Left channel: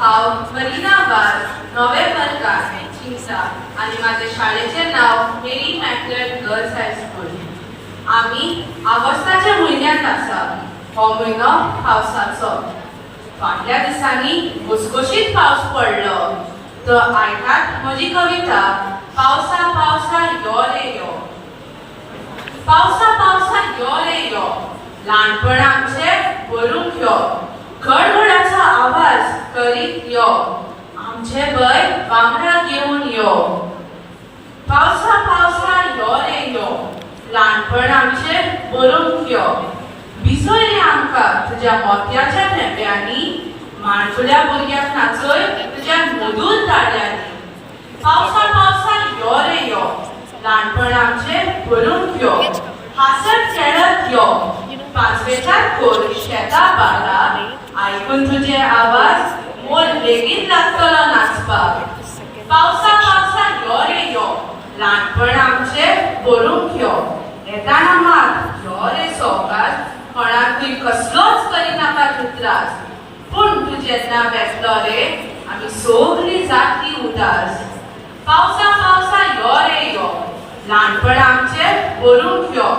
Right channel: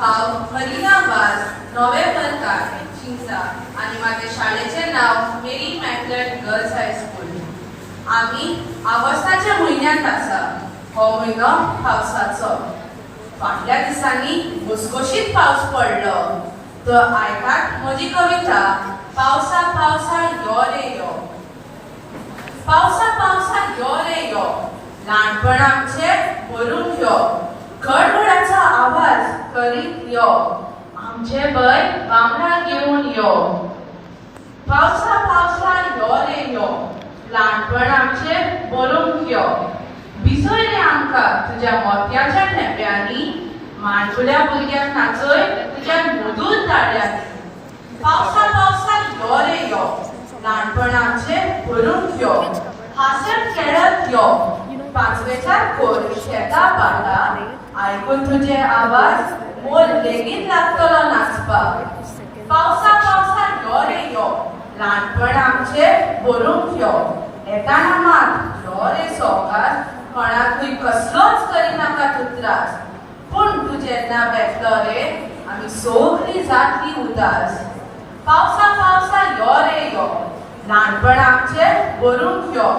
हांव मरिनाबाद नोव्हेंबर चिंचा आणि माझे शाळेचे नाव मेरी मॅकलेट गर्ल्स हायस्कूल. आम्ही ऑगस्टाच्या म्हयन्यांत आसा. हो म्हयनो पावसाचो. फाटल्या दिसांनी घुसघुशीत पावस पडलो. तर आयकात म्हजी कविता पावसा पावसा यो रे यो. पावसा पावसा यो रे यो, ल्हानपण आमचें भरूंक यो. गडगडाचो आवाज करीत यो, आमचे भय वांगडा घेवन यो. पावसा पावसा यो रे यो, ल्हानपण आमचें भरूंक यो. भिजय रे आमकां तुज्या मोत्याच्या नेप्यांनी, माणकुल्या भुरग्यांक नाचय तुज्या मधूर दाड्यांनी. पावसा पावसा यो रे यो, ल्हानपण आमचें भरूंक यो. हासत खेळत यो, पांचवेचार कोर शेतां बाळा. आयकून तुजे आवाज मोर लेगीत लागतलो नाचपाक. पावसा पावसा यो रे यो, ल्हानपण आमचें भरूंक यो. येताना मात यो रे सवकार, कोणाकूय कसलोच करिनाका तूं त्रास. पूण तूं जेन्ना बेतलो रे, आमी सगळीं जातली उदास. पावसा पावसा यो रे यो, ल्हानपण आमचें भरूंक यो.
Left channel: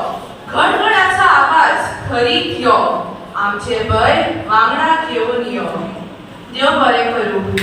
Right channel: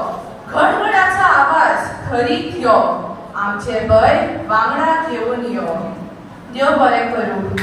गडगडाचो आवाज करीत यो, आमचे भय वांगडा घेवन यो. देव बरें करूं.